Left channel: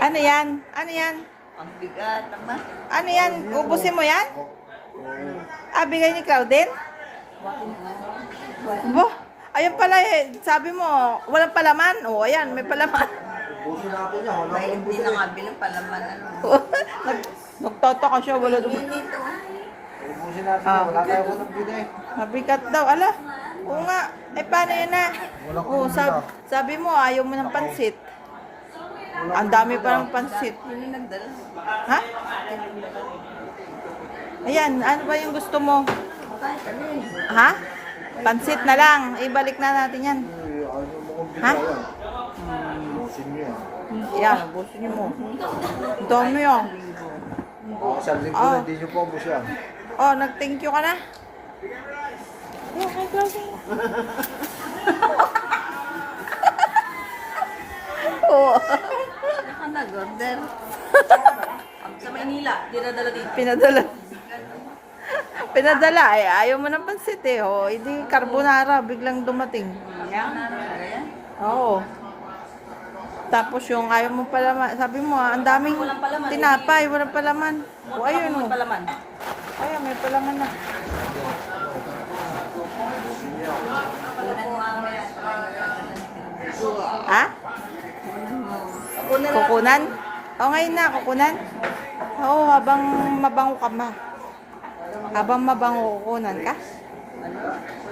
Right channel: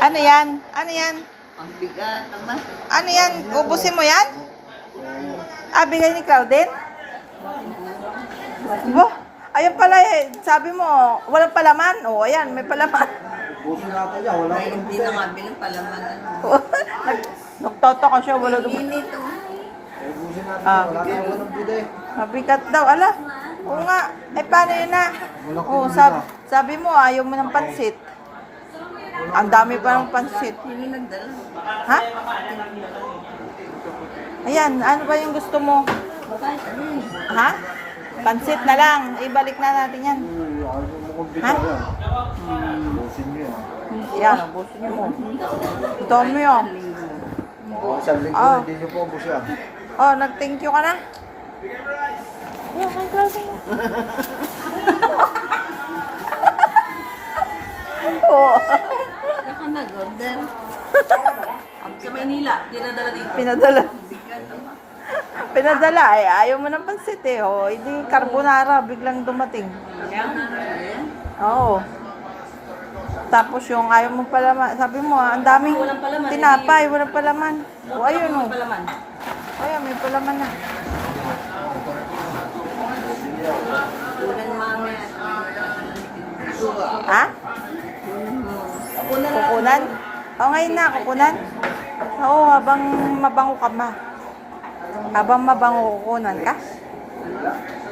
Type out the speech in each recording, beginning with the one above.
Ano yan? Ano yan? Ang bigat naman. Ano yan? Ubusin mo yan? Ah, bigay ni Claudine? Oh, ayan pala eh. Sabi mo, walang palaman. Oh, ayan, may palaman. Busin natin yan, wala Ay, akong hindi busin. na nga bilang palaman. Nagtotoko siya, wala doon. Inito. Ay, busin natin Ah. yan, wala tayong bide. Mabigat daw, ala. Oo nga. Eh, paano yun na? Walang Oo, sabi mo, ayaw mo ng pansit. Ang dami pa ng pansit. Sino nagdala? Ha? Ayan, ano ba yung gusto mo? Bakit? Ano yun? Ha? Pansit na lang. Ibalik na natin yan. Ay, ayaw mo kong bida Ha? yan. Busin niyo yan. Yan, ubusin mo. Ang dami yan. Isang linggo Ah. hindi niyo po ubus yan. Oh, nag-thank you ka na? Oh, ang klase mo. Oo. Ano ka nag-order? Sa Manila, dinadala dito. Pinadala. Bigat naman. Pinadala. Eh, ayaw mo ng pansit eh. Oh, hindi carbonara. Biglang dumating. Ayan. Oo. Tapos yung ayaw mo palaman. Sabi mo, ang daming tinapay. Walang palaman. O, ayun o. Palaman. Ayun, may palaman na. Kunan mami. Ha? Kunan mo. Kukunan? O, ngayon na. Kukunan? Oo, habang mabango ka ma. Habang mabango kukunan ka?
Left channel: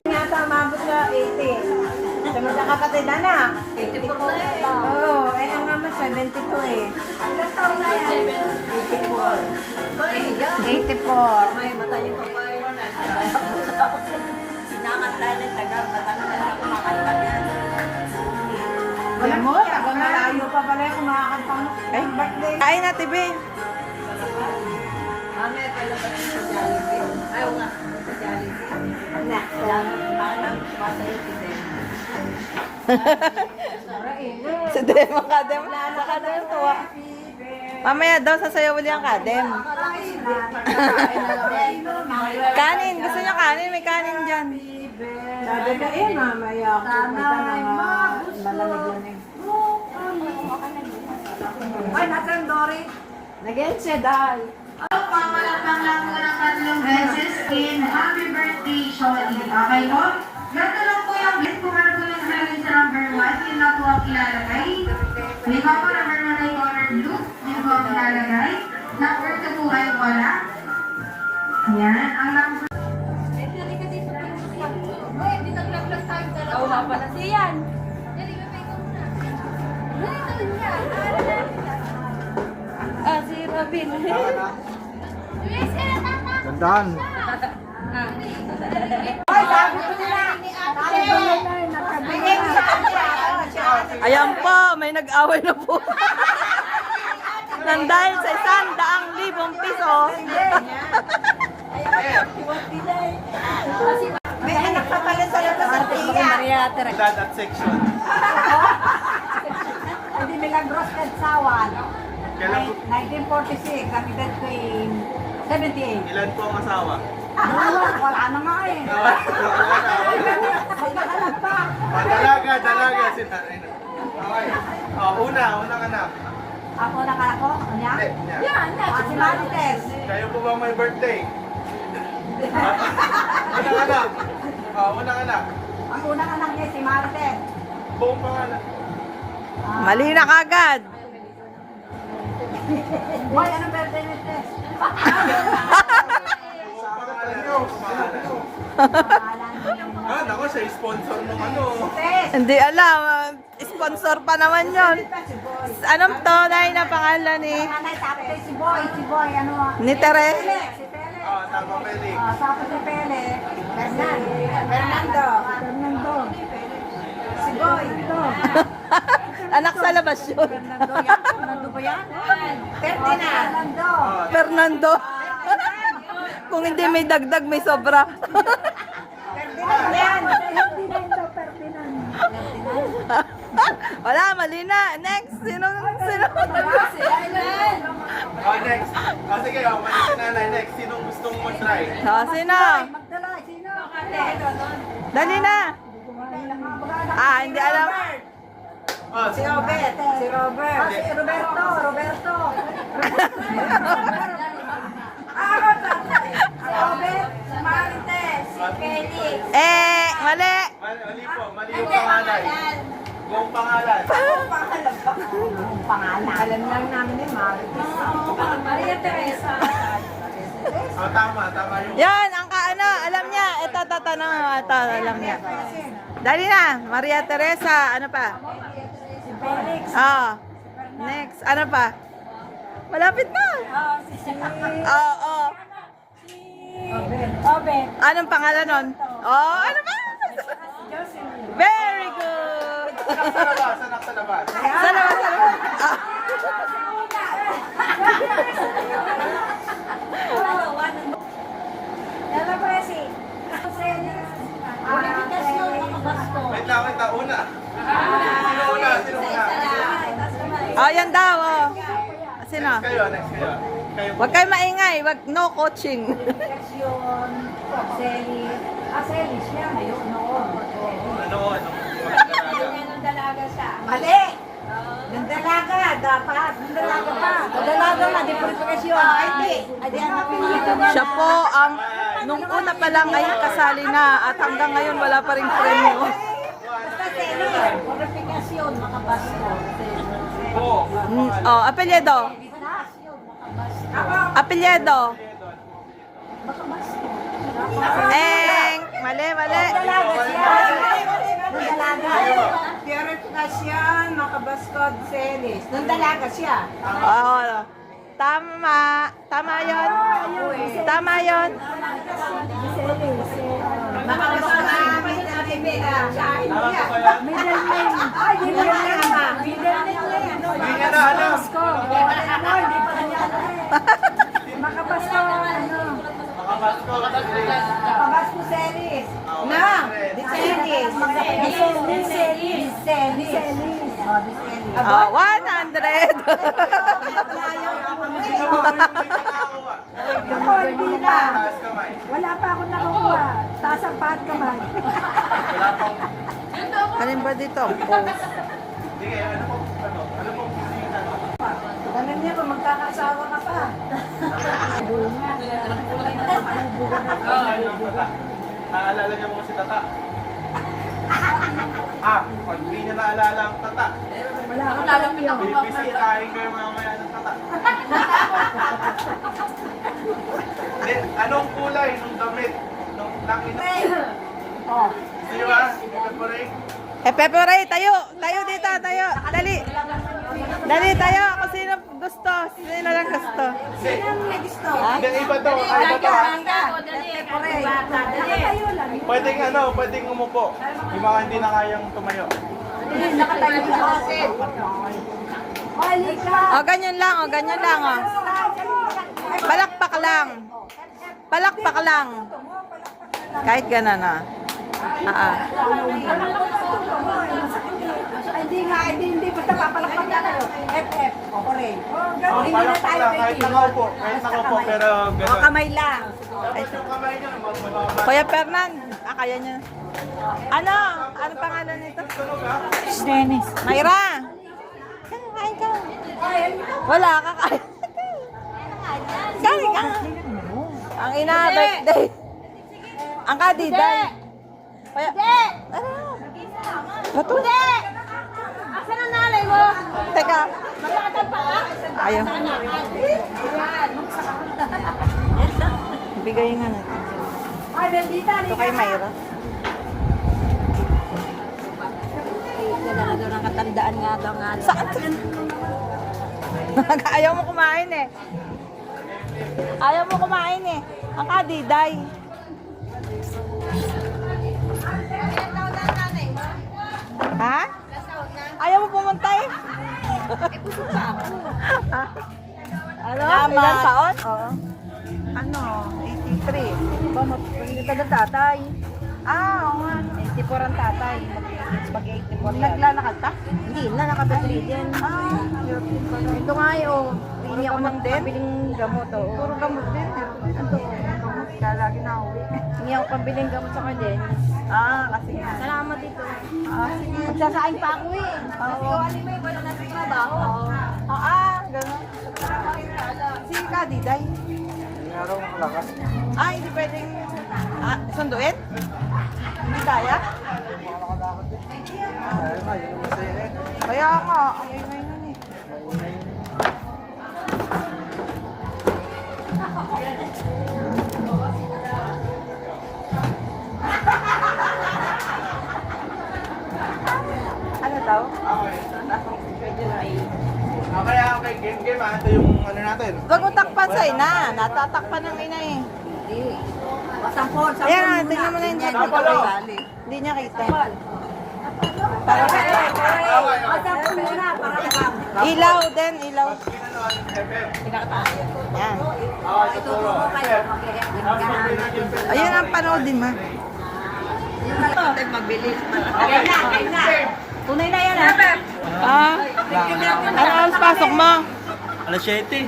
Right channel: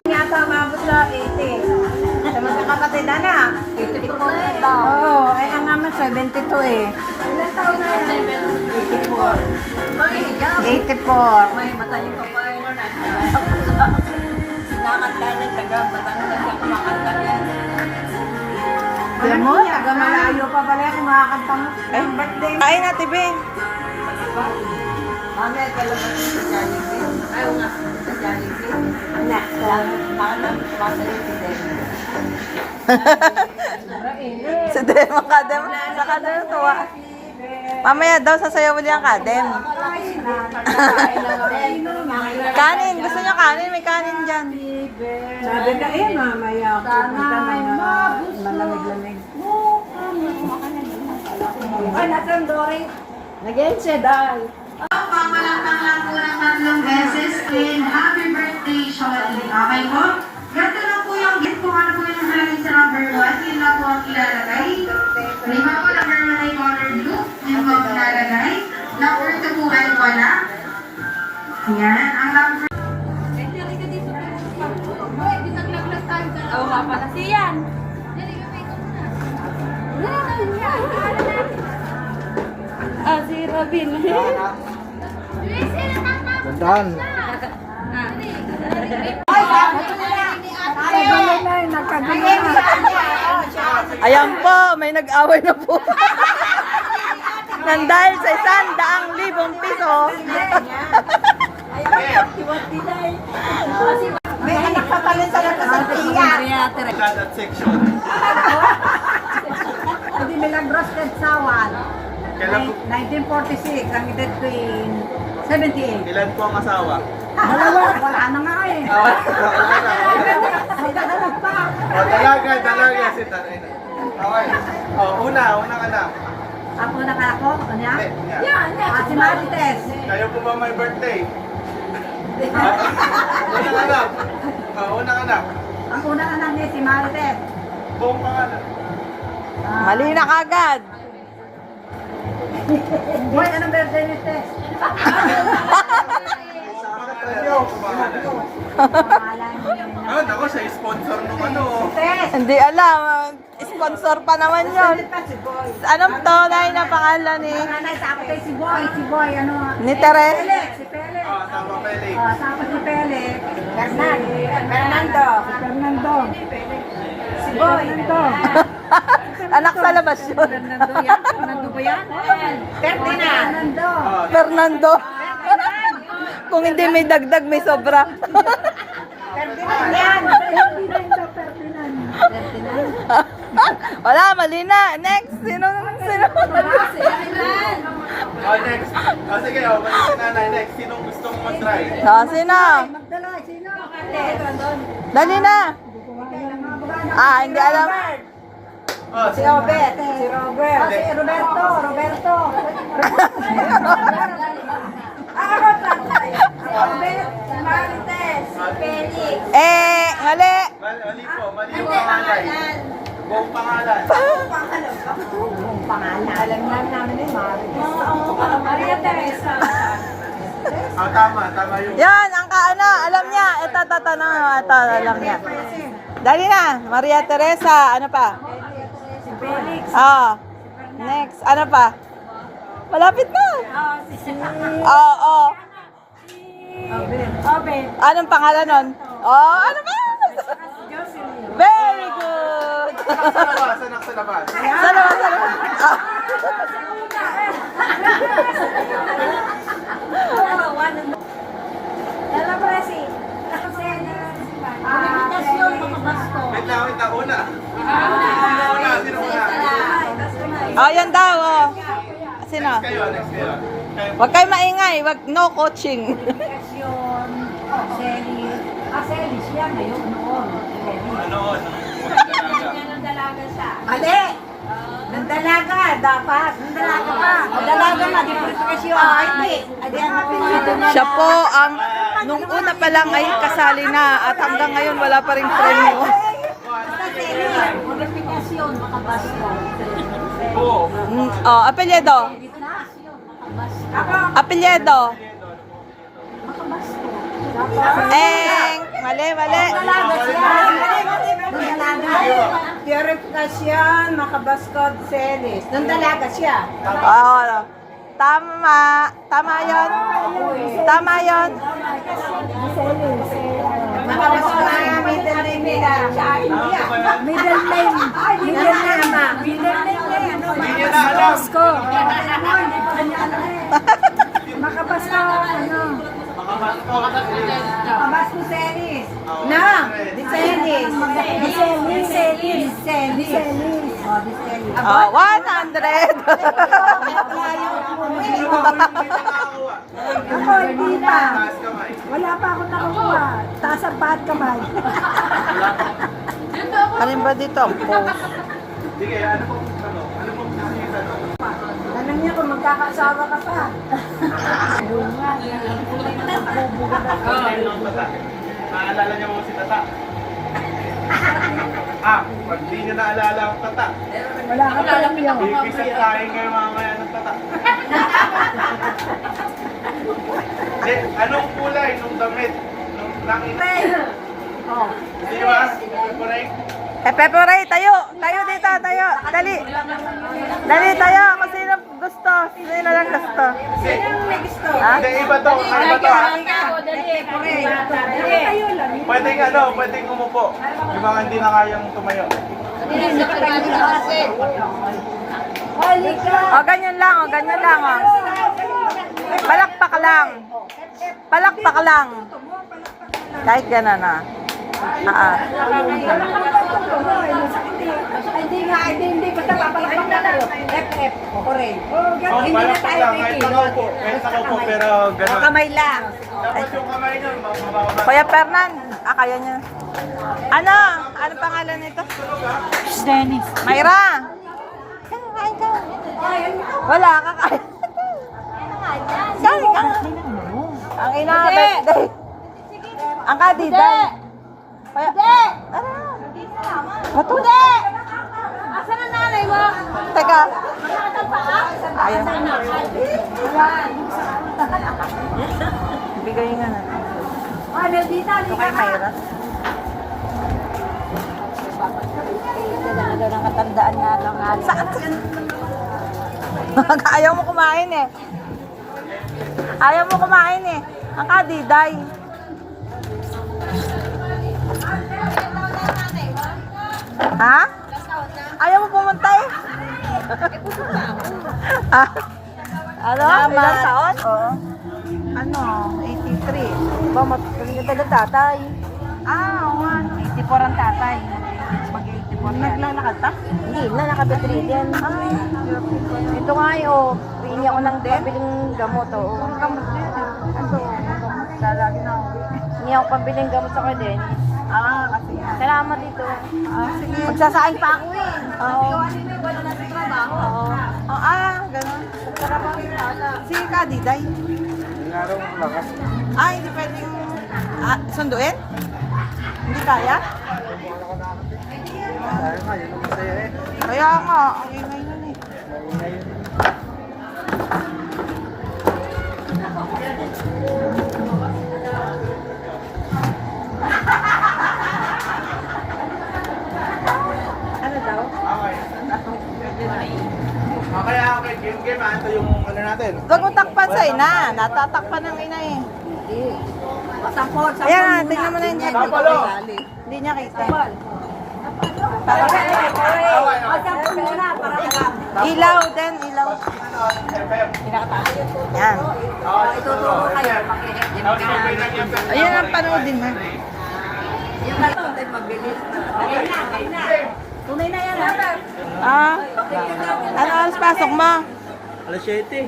Yata umabot sa 80. Sa magkakapatid na. 84 Oo, ay ang naman 72 eh. Ilan taon na yan? 84. Ay, higa. 84. May mata yung papay. Sinakanta ng taga Batangas na kumakanta yan. Alam mo, taga malayo pa pala yung kumakanta mo. Ay, Birthday. kain na, Tibi. Mami, kalabas sa Jollibee. Ay, nga, sa Jollibee. Na. Baka nang pasa yung pide. Si Dem, ang kadem. Sa kadem, tuwa. Mamaya daw sasayaw ulit ang kadem. Kanin, gusto niyo kanin? May kanin dyan. Sabi ka eh, mamaya ako pupunta mga malamig-lamig. Ay, nasan Dory? Nag-end siya dahil. Pamalakpak lang po ng 3 beses in happy birthday, Shorty. Okay po? Ganito lang po yung gift kung ano po yung namin sa number 1. Yun lang po ang ilalagay. Lima po, number 1 ay color blue. Yun po ang ilalagay. Number 2 po ay wala. Ayan. Ang number Oo, nga pala siyan. Ah, si Robin. Gandaan. Ayan po, may nag-away na po. Nandahil sa 100,000 piso. May anak pa pala sa representatiya. Maria Tere. Hindi Milagros Kadsawan. 1946, ang edad ko in 78. Ilan po ang asawa? Wala na nga eh. Magkakalag pa. Dalaga si tatay. Okay. Unang anak. Ako na ka ako? Ano niya? Hindi, niya. Yan, si Marites. Kayo po ba may birthday? Unang anak. Unang anak. Ang unang anak niya si Marites. Buong pangalan. Mali na kagad. Boy, anong birthday ni Tess? Ah, nako, siya sponsor nung ano. Tess! Hindi alam. Sponsor pa naman yon. Si Boy. Anong tunay na pangalan ni Nanay, tapos ay si Boy. Si Boy, ano? Ni Teres? Felix, si Felix. Tama, Felix. Tapos si Felix. Fernando. Fernando. Si Boy. Fernando. Anak sa labas yun. Fernando yan? Fernando ba yan? Ferdinand. Fernando. Fernando. Kung hindi may dagdag, may sobra. Ferdinand yan. Ferdinand daw, Ferdinand. Wala, mali na. Next. Sino? Next. Sige, si nanay next. Sinong gusto mo try? Sino? Magdala, sino? Dali na. Hindi alam. Oh, Si Robert. Si Robert. Si Roberto. Roberto. Mali. Mali po, mali yung pangalan. Buong pangalan. Ang pangalan. Alam lang namin ni Marites. Maria Teresa. Tama yung... Yan, ang kaano, alam niya. Ito, alam niya. Dali na, Maria Teresa, ano pa? Next, ano pa? Malapit na. Anong pangalan nun? Ano ba? Very good. Sanak sa labas. Sa labas. Dala Presi. Wait lang, una. Sino una? Yan daw, Sino? Next kayo. Huwag kayo maingay, no coaching. Celis yan. Ayun, noon. Ano? Ng dalaga siya. Mali! Nandalaga, dapat. Nandalaga pa. Nandalaga na, di purifikasyon. Hindi. Siya po ang, nung una pa lang ay kasali na at hanggang ngayon wala pa rin premyo. Purifikasyon, makabasko. Apelyedo. Apelyedo. Mali. Nandalaga siya. Nandalaga. Purifikasyon, makabaskod, Celis. Nandalaga siya. Tama yun. Tama yun. Makabaskod, middle name nila. Middle name. Middle name. Middle name niya. Hindi niya na alam. Hindi pa kanya alam eh. Makabaskod, Makabaskod, Celis. Na! Di Celis. Di Celis. Celis. 100. Ako, hindi na. Taas kamay. Wala pa akong nakukuha. Taas ang pahat kamay. Alin ba dito ang post? Sige, ano po nakikita na? Tanong niya kung magkakaasawa ka pa. Maalala niyo mo si Tata? Pag hindi niya naalala ang Tata, Wala ka pa lang yun. ipisat kain kayo mamaya ng Tata. Hindi, anong kulay nung damit? Nung langit? Oh. Di ba? Kulay? Pepe Ray, tayo. Tayo dito, tayo. Dali. Dali tayo. Kung sino gusto. Sino lang gusto. Hindi, iba to. Iba to ha. Pwedeng umupo. Di ba hindi na kayang tumayo? Ganyan lang, ganyan lang, Palakpak lang. Palakpak lang. Kahit gano'n na. Hindi pa tapapalakpak na tayo. FF. Correct. Hindi na tayo Kahit nakaupo. Pero gano'n. Kamay lang. Tapos yung kamay niya, mababa. Kuya Fernan. Kaya niya. Ano? Ano pangalan nito? Dennis. Mayra. Kain ka. Wala, kakain. Kain ka. Ang ina, birthday. Ang kadiday. Kaya, ano? Bato? Asan ang nanay mo? Teka. Masakit ang paa? Ayun. Bigay nga natin. Ito kay Mayra. Nakatandaan nga lang nga. Saan? Ayaw mo kumain eh. Ayaw mo kumain eh. Ang kadiday. Ha? Ayaw mo pumunta eh? Ano? Ilang taon? Oo. Ano? 83. Ba, mapagkita ng tatay. 84 ang tatay. Mag-84 yan. Naglalakad ta? Hindi na, nakabedridden. Ito nga yun. Hindi ako ng pabiling gamot. Oo. Ano? Gamot. Lalagi na ako. Hindi ako pabiling gamot sa kanya. Kasi nga. Salamat dito. Magsasaing pa ako eh. Oo. Ganun. Sige ka, Diday. Araw ng lakas. Hindi pwedeng sunduin? Hindi kaya? Tayo nga, yun ang masaya eh. Kaya nga, ang ingay nun eh. Maingay yun. Ano daw? Okay. Okay, game. Ito yung ano natin. Huwag mo takpan sa ina. Natatakpan ng ina eh. Ayan na, tingnan mo na yung takpan ko. Hindi niya kita. Para ilaw din, ilaw. Yan. Ayan ang panoodin mo. Tunay na yan. Ano oras pasok mo? Alas 7.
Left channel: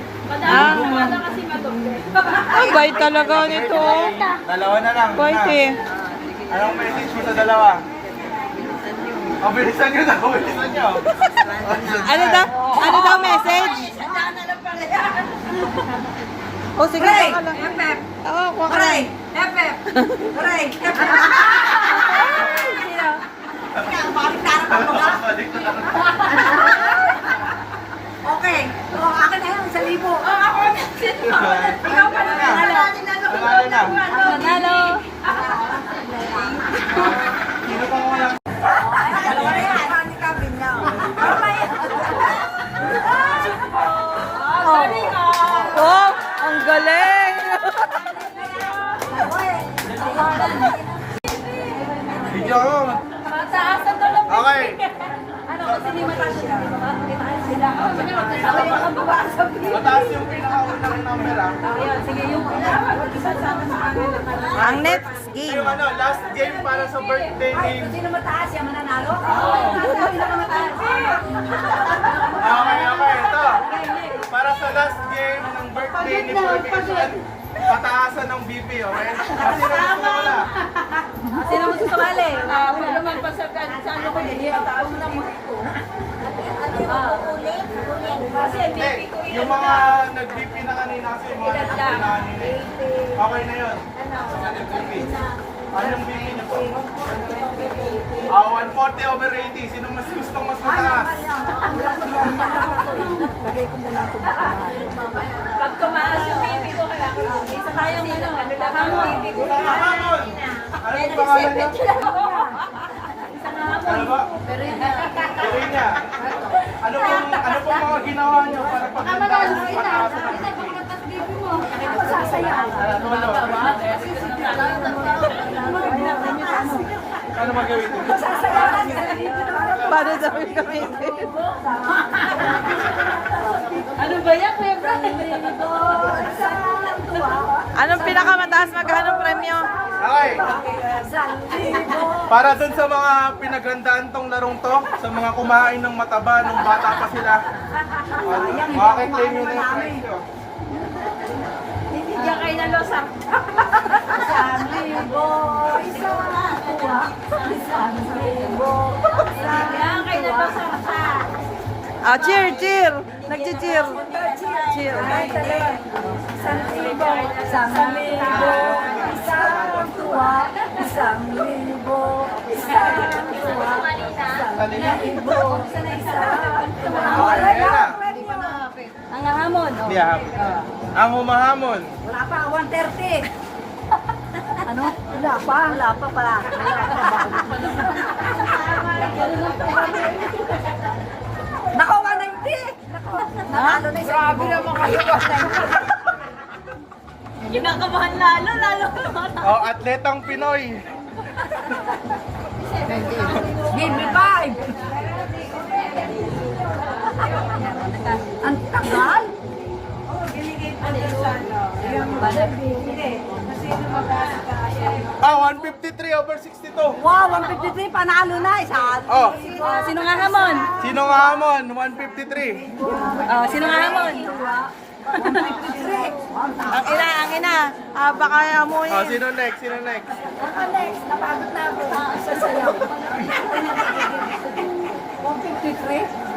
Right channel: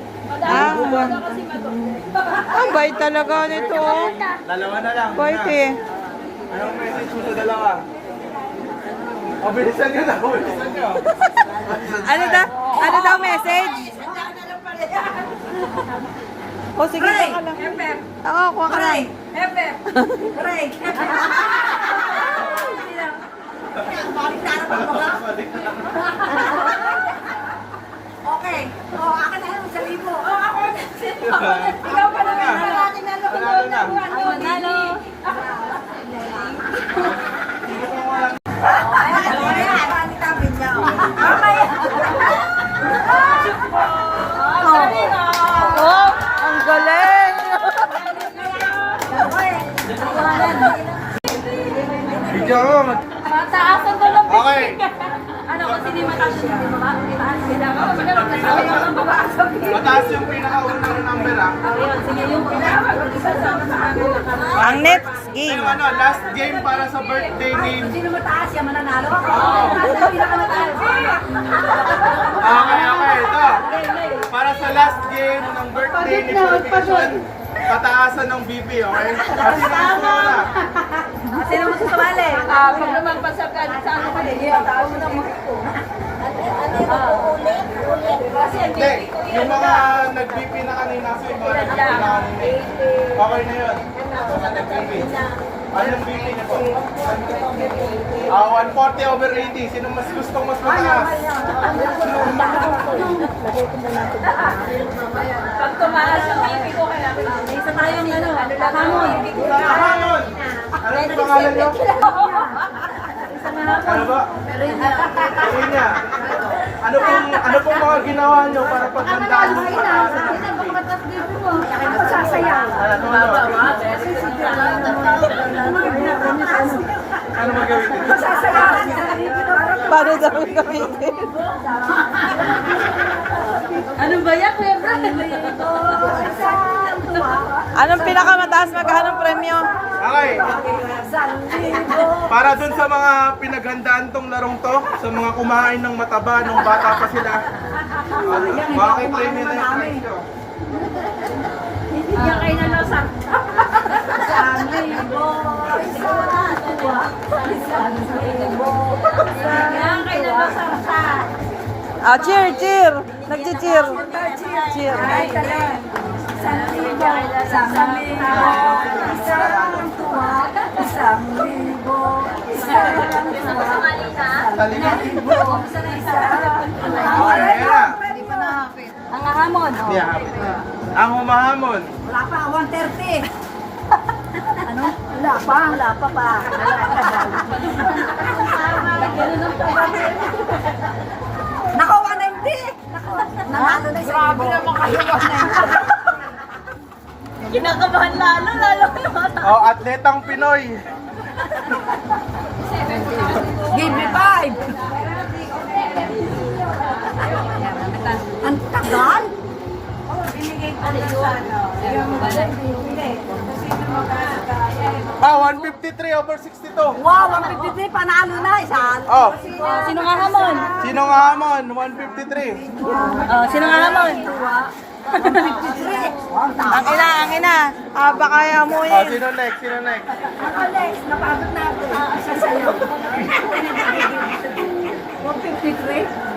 Bait talaga nito. Dalawa na lang. Bait eh. Anong message mo sa dalawa? Bilisan nyo na. Bilisan nyo. Ano daw message? O sige, ka lang. Oo, kuha ka lang. Okay. Akin na yan, 1,000. Ikaw pa na. Panalo na. Manalo. Sino pa wala? Oh, ang galing! Video mo. Mataas ang tulog. Okay. Ano kasi ni mataas siya? Sila ka, magkasama yung mga sa video. Mataas yung pinakaunang number ah. Sige, yung isa sa Ang next game. Yung ano, last game para sa birthday ni... Sino mataas yan, mananalo? Ako, pinakamataas. Okay, ito. Para sa last game ng birthday ni Purification, pataasan ng BP, okay? Kasi na. Sino mo susumali? Ako naman pa sa ano ko din. Ako mo nang Hindi, yung mga nag-BP na kanina kasi yung mga nag-BP na kanina. Okay na yun. Sa nag-BP. Ano yung BP niyo po? 140 over 80. Sino mas gustong mas mataas? pag tumaas yung pipi ko kaya isa tayo ng hamon. Hamon! Ano yung pangalan niyo? Ano ba? Perina. Ano pong mga ginawa niyo para paghandaan ng pataas? Ako sasayaw. Ano magawin niyo? Paano daw yung gamitin? Ano ba yan, Kuya Brad? Anong pinakamataas maghanong premyo? Okay. Para dun sa mga pinaghandaan tong larong to, sa mga kumain ng mataba nung bata pa sila, makakitry nyo na yung price nyo. Diyan kayo na losar. Diyan kayo na losar. Cheer, cheer! Nag-cheer. Cheer. Talina. Okay, yan na. Ang hamon. Hindi ah. Ang humahamon. Wala pa, 130. Ano? Wala pa pa. Nako, 190. Nanalo na siya. Grabe naman kayo, 190. Kinakabahan lalo Atletang Pinoy. Give me 5. Ang tagal. Binigay pa rin sa ano. Hindi. Kasi mag-asa 153 over 62. Wow, 153, panalo na. Isa. Sino nga hamon? Sino nga hamon? 153. Sino nga hamon? Ang ina. Baka Ah, amuyin. sino next? Sino next? Napagod na ako. Isa sa'yo. 153.